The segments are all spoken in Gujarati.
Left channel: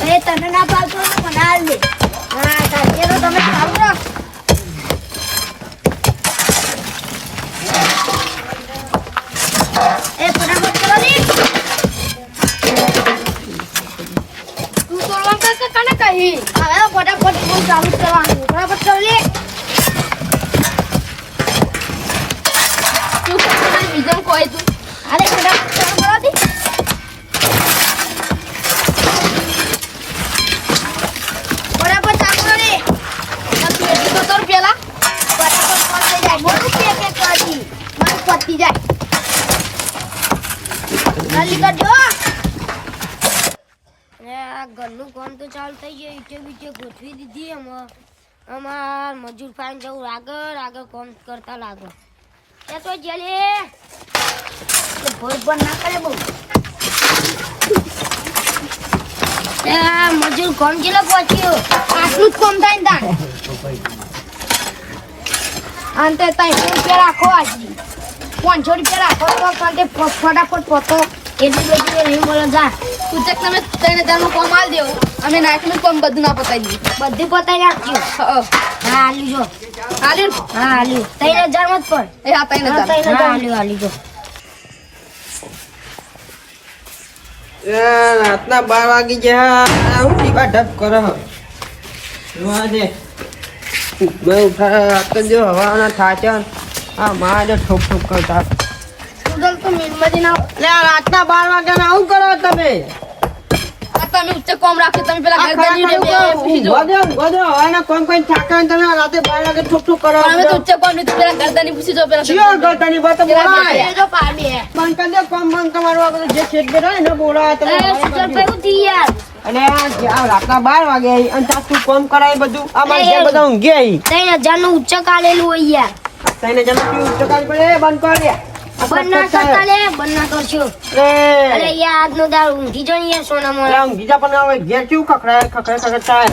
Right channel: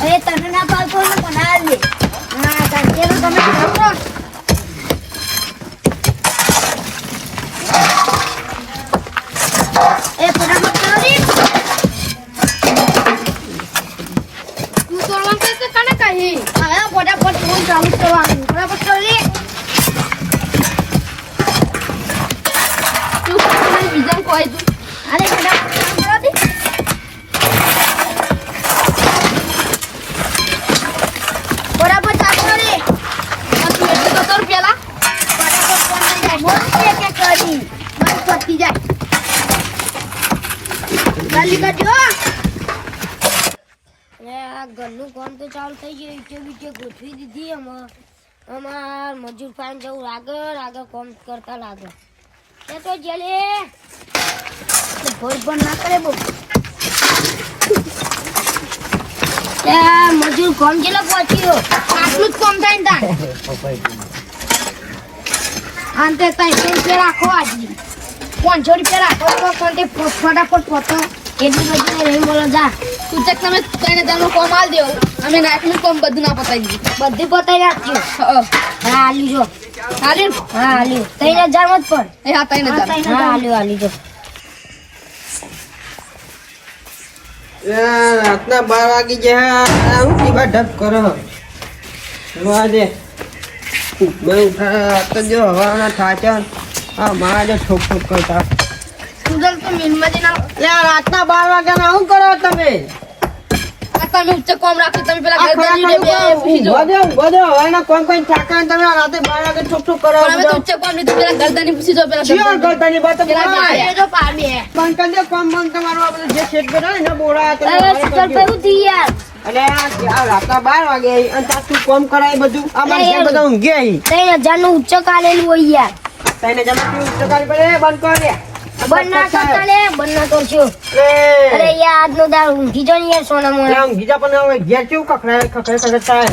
તને ના હોય ને મને હાલ દે. હા તારે તો તમે ખાવ એ ફટાફટ કરો. ને તું તને કહી હવે ફટાફટ ફોન ચાલુ કરવાનું. ફટાફટ કરો. પતી જાય. જલ્દી કરજો. અને આ ઘરનું કામ તો ચાલુ થઈ ગયું. ઈટે બીટે ગોઠવી દીધી એમાં. અમાર મજૂર ફાઈન જવું આગળ આગળ કામ કરતા લાગો. એ તો જલે. ભોર ભોર ના કરે બહુ. એ મજૂર કોમ કેટલો પહોંચ્યો? આટલું જ કોમ થાય ને તાર અંતે રૂપિયા રાખો આજની પાંચસો રૂપિયા રાખો તો ફટાફટ પહોંચો એટલી બધી નહીં બોલો જા. તું ચેક તમે ત્રણ હજારનું કોમ આલ દેવું. અમે નાખનું કોમ બધું ના પતાવી દીધું બધું પતાવી નાખજો હા હા. જો હાલે હા હાલ્યું ત્રણ હજાર મત પણ એ હા ત્રણ હજાર. હા હાલ્યું હાલ્યું જો રાતના બાર વાગી ગયા. હું ટીબા ઢપ કરો. જોવા દે બે ઉઠા તો જો હવાના થાચા. આ માં જો ઠોક ઠોક કરતા સુડલ તો મિલમાં જઈને આવો. રાતના બાર વાગ્યાના શું કરો તમે તમે ઉચ્ચ કોમ રાખો તમે પેલા ઘર જો. હવાના તમે રાતે વાગે ઠોક ઠોક કરો પણ અમે તો ઉચ્ચ કોમ લીધું પેલા ગરદાની પૂછી જો પેલા ચિયો ગરદાની. ગળતાની બોલાય. ગરદાની. જો પામે બંધ કરી દે કોમ બંધ તમારું આ બધું જે છેદ કરાય ને બોલાય તમે એ બંધ કરી સુગર દો. પેવું થી યાર અને આ રાતના બાર વાગે આવી અને તું કોમ કરાય બધું આ બધા ઊંઘી ત્રણ હજારનું આલેલું હોય યાર તઈને જમા કેવું ઉચકાલ પડે બંધ કર દે. બંધ કરતા ને બંધ ના કરશો. અરે યાર આજનો દાળ ઊંઘી જો ને સોના મોના ઊંઘી જા પણ હવે ઘેર કેવું ખખડાય ખખડે ખખડે થાય.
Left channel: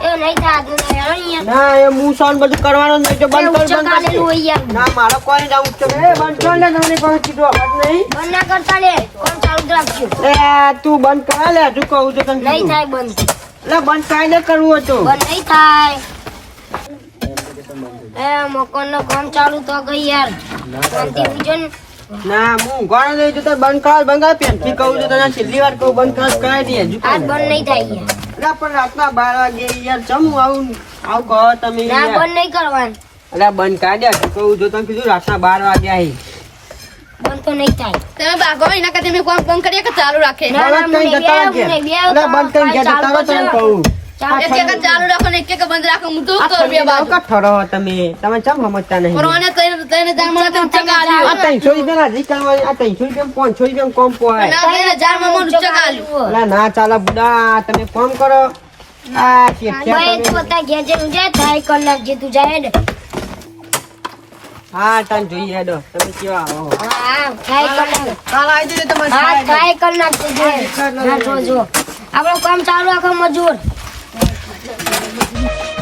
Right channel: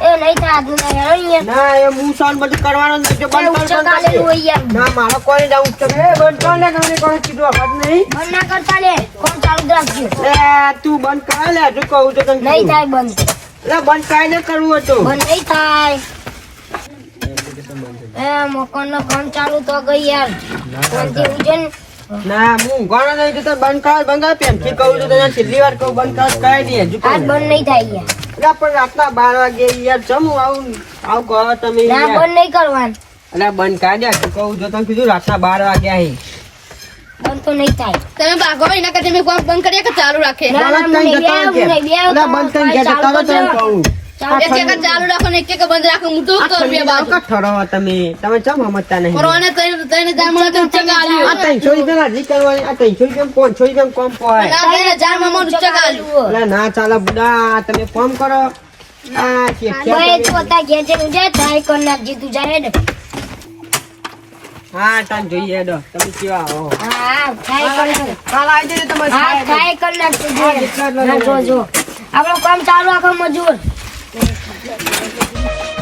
એ નહીં થાય આજનો દાળ યાર ના એ મું સોન બધું કરવાનું નહીં તો બંધ કર હોય યાર ના મારો કોઈ ના ઉચકે એ બંધ કર તમને નહીં. ના કરતા કોમ ચાલુ રાખજો. એ તું બંધ લે હજુ કહું તો તને નહીં થાય બંધ. એટલે બંધ કાયદે કરવું હતું. બંધ નહીં થાય. એ મકાન કામ ચાલુ તો ગઈ યાર. કોણથી ઉજો ના? હું ઊંઘવાનો નહીં તો બંધ કર બંધ કર પેનથી કહું છું તને છેલ્લી વાર કહું બંધ કર કરાય નહીં હજુ આજ બંધ નહીં થાય યાર. એટલે પણ રાતના બાર વાગે યાર ચમ આવું આવું કહો તમે ના બંધ નહીં કરવાનું. એટલે બંધ કાઢ્યા હજુ કહું જો તને કીધું રાતના બાર વાગ્યા અહીં બંધ તો નહીં થાય. તમે ભાગો એના કરતા મેં કોમ બંધ કરીએ કે ચાલુ રાખે? ના, ના, બંધ કરી જતા. કહું. એક એક ચાલુ રાખો ને એક એક બંધ રાખો હું તો કરું બે બાજુ. ઠરો તમે. ચમ સમજતા નહીં? તો આ આ કોમ પોહાય ના ત્રણ હજારમાં મને ઉચ્ચ આલ્યું ના ચાલે બુડા તમે કોમ કરો. આ શેઠિયા ભાઈ તું તમે- ઘેર જઈને જાય થાય કર નાખજે તું જાય ને હા તમ જોઈએ હેડો. તમે કેવા આવો હા હા થાય કર કાલ આવી જજો તમારે થાય કર નાખજે હા, એટલા એટલા હા જો જો. આપણું કામ ચાલુ રાખો મજૂર. 赶紧停车停车真的是